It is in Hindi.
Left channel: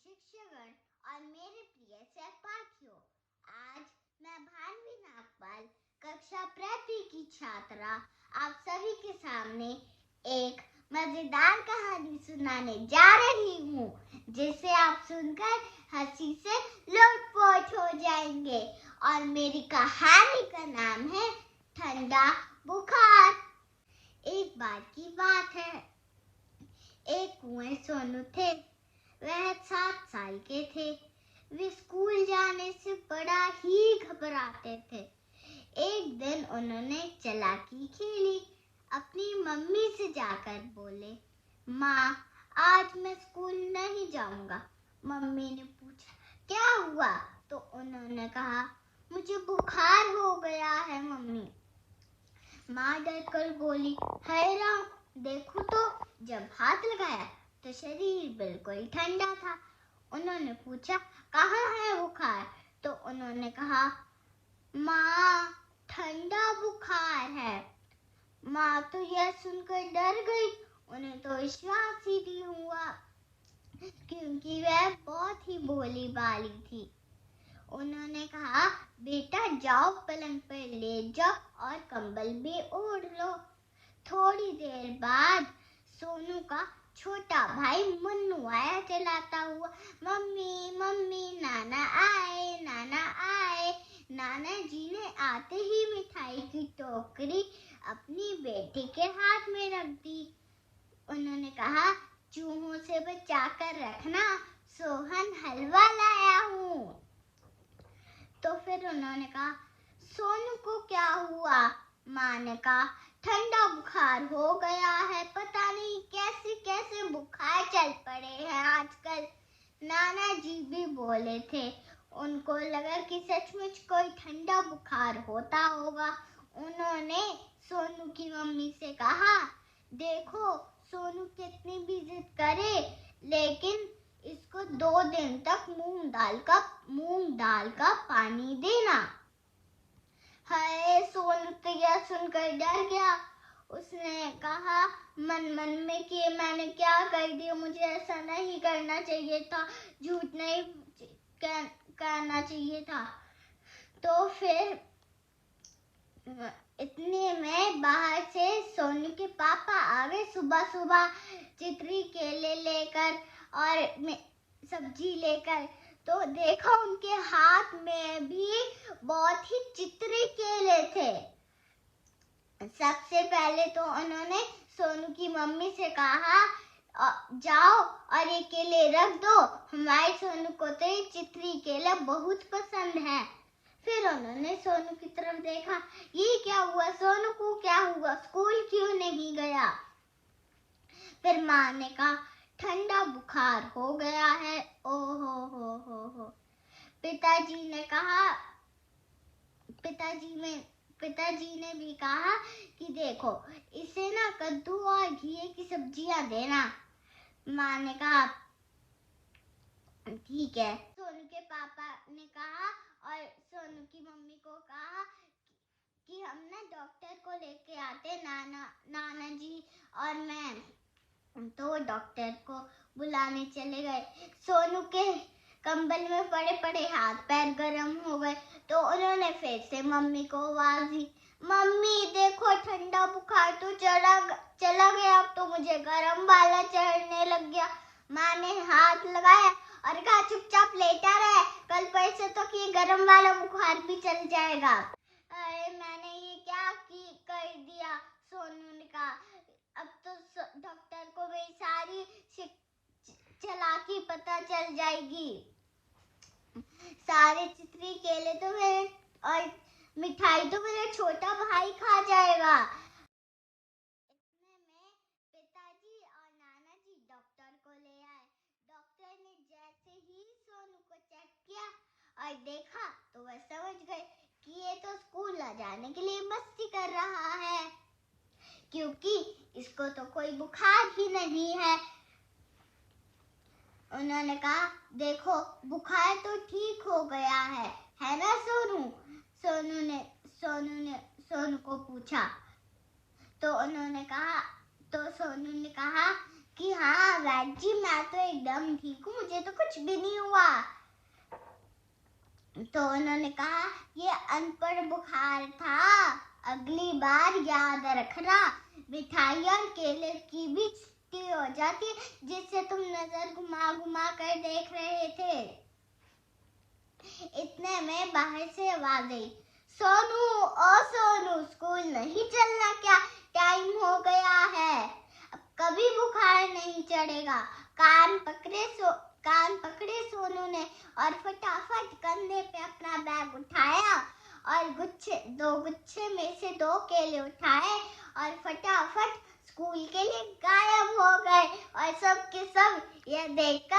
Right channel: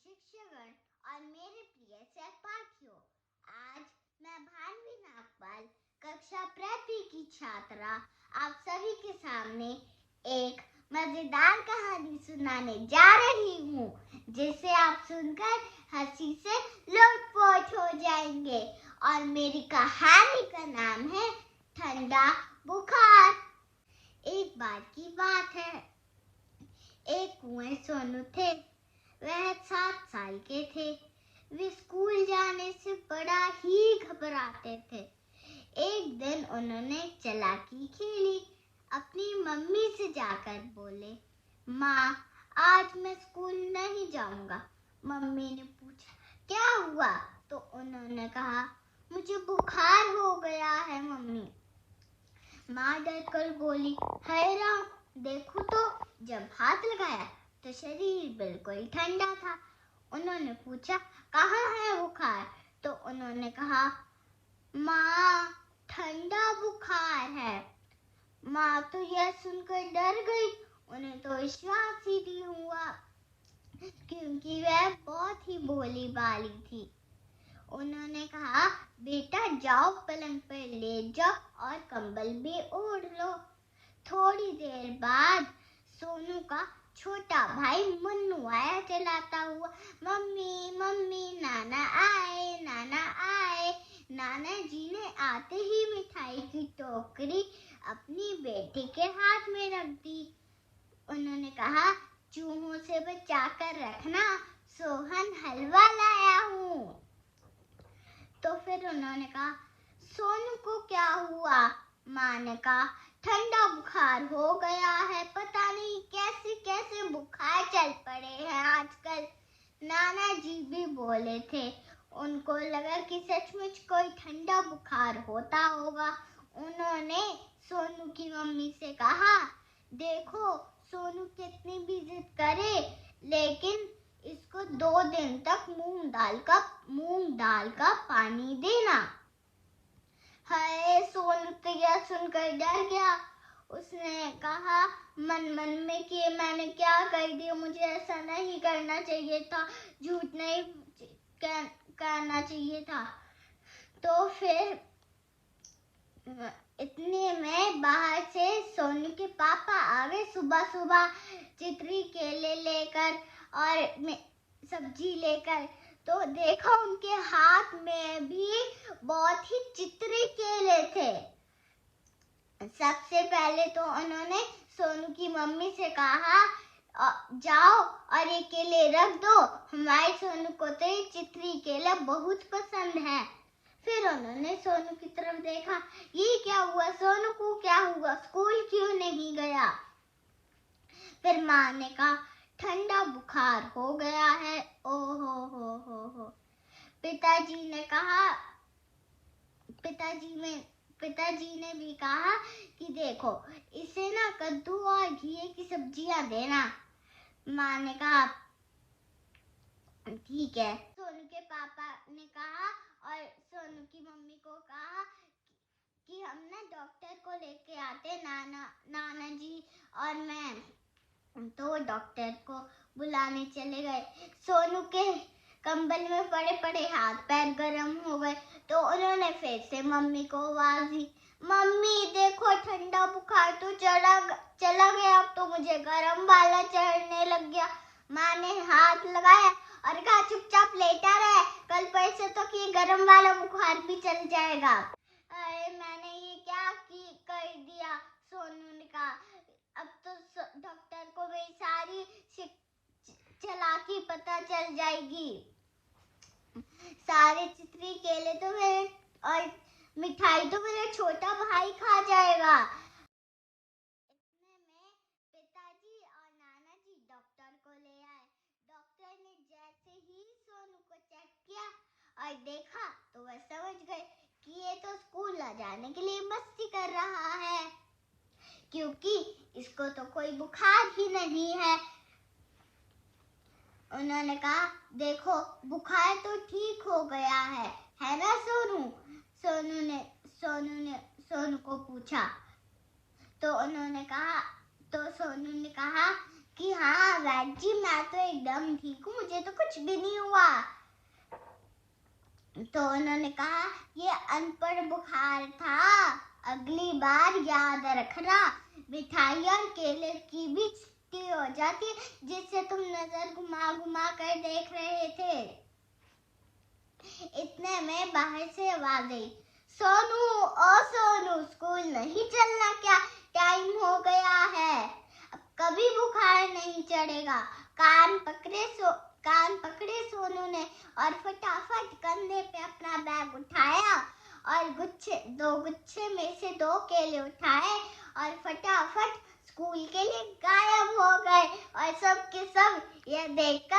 शिक्षकगण और मेरे प्रिय सहपाठियों, आज मैं भानवी नागपाल कक्षा प्रति की छात्रा आप सभी के सामने एक मजेदार कहानी सुनाने जा रही हूँ, जिसे आप सुनकर हंसी से लुटपुट हो जाएंगे। और मेरी कहानी का नाम है ठंडा बुखार। एक बार की बात है, एक कुएं सोनू थे। वह 7 साल के थे। वे स्कूल जाने से बड़ा ही घबराते थे। एक दिन उन्होंने चालाकी खेली। अपनी मम्मी से जाकर बोले, माँ, आज मैं स्कूल नहीं जाऊंगा। मम्मी ने पूछा, क्या हुआ? तो उन्होंने कहा, मुझे बुखार हो गया है मम्मी। माँ डरकर बोली, हाय राम, देखो तो। जब हाथ लगाया तो शरीर बिल्कुल ठंडा था। उन्होंने पूछा, कहाँ है बुखार? तो उन्होंने कहा, माँ, ठंडा बुखार है। माँ तो यह सुनकर डर गई। उन्हें तो विश्वास ही नहीं हुआ, क्योंकि वह बहुत ही भोली भाली थी। उन्होंने कहा, बेटा जाओ, पलंग पर लेट जाओ और कंबल भी ओढ़ लो। थोड़ी देर बाद सोनू का छोटा भाई मुन्नू आया चिल्लाता हुआ, मम्मी मम्मी, नाना आए, नाना आए। नाना जी ने आते ही मिठाई की टोकरी अपनी बेटी के हाथ में रख दी। उन्होंने कहा, चूहों से बचाकर रखना, सोहन हलवा लाया हूँ। तो फिर उन्होंने कहा, सोनू को क्या हुआ? माँ ने कहा, ठंडा बुखार हो गया है। पता नहीं कैसे कैसे बुखार चल पड़े हैं आजकल। नाना जी भी बोले थे। उनको लगा कि सचमुच कोई ठंडा बुखार होता होगा। उन्होंने सोनू की मम्मी से कहा, देखो, सोनू कितनी भी जिद करे, लेकिन इसको 2 दिन तक मूंग दाल का पानी देना। हाय, सोनू तो यह सुनकर डर गया। उसने कहा मन मन में कि मैंने क्या कर दिया, मुझे ऐसा नहीं करना चाहिए था, झूठ नहीं कहना चाहिए था। तो फिर इतने में बाहर से सोनू के पापा आ गए सुबह सुबह, चितरी केले लेकर और सब्जी लेकर। तो देखा उनके हाथ में भी बहुत ही चितरी केले थे। सबसे पहले तो उन्होंने सोनू की मम्मी से कहा, जाओ और ये केले रख दो, हमारे सोनू को तो ये चितरी केला बहुत पसंद है। फिर उन्होंने सोनू की तरफ देखा, ये क्या हुआ? सोनू को क्या हुआ? स्कूल क्यों नहीं गया? फिर माँ ने कहा, ठंडा बुखार हो गया है। ओहो हो। पिताजी ने भी कहा कि देखो, इसे ना कद्दू और घी की सब्जियां देना। माँ ने कहा, ठीक है। सोनू के पापा ने कहा और सोनू की मम्मी को कहा कि हम ना डॉक्टर को लेके आते, नाना जी और मैं। तो डॉक्टर को बुलाने चले गए। सोनू के कंबल में पड़े पड़े हाथ पैर गर्म हो गए। तो उन्होंने फिर से मम्मी को आवाज दी, मम्मी देखो, ठंडा बुखार तो चला गया, अब तो मुझे गर्म वाला चढ़ने लग गया। माँ ने हाथ लगाया और कहा, चुपचाप लेटा रहे, कल परसों तक ये गर्म वाला बुखार भी चल जाएगा। अरे मैंने ये क्या कर दिया? सोनू ने कहा, अब तो डॉक्टर को मेरी सारी चालाकी पता चल जाएगी। सारे चितरी केले तो मेरे और मिठाई तो मेरा छोटा भाई खा जाएगा। इतने में पिताजी और नाना जी डॉक्टर को ले आए। डॉक्टर ने जैसे ही सोनू को चेक किया और देखा तो वह समझ गए कि ये तो स्कूल न जाने के लिए मस्ती कर रहा है, क्योंकि इसको तो कोई बुखार ही नहीं है। उन्होंने कहा, देखो, बुखार तो ठीक हो गया है ना सोनू? सोनू को पूछा। तो सोनू ने कहा कि हाँ वैद जी मैं तो एकदम ठीक हूँ, मुझे तो कुछ भी नहीं हुआ। तो उन्होंने कहा ये अनपढ़ बुखार था, अगली बार याद रखना मिठाई और केले की भी छुट्टी हो जाती है जिससे तुम नजर घुमा घुमा कर देख रहे थे। इतने में बाहर से आवाज आई, सोनू ओ सोनू स्कूल नहीं चलना क्या, टाइम हो गया है, अब कभी बुखार नहीं चढ़ेगा। कान पकड़े सोनू ने और फटाफट कंधे पे अपना बैग उठाया और दो गुच्छे में से 2 केले उठाए और फटाफट स्कूल के लिए गायब हो गए। और सब के सब ये देख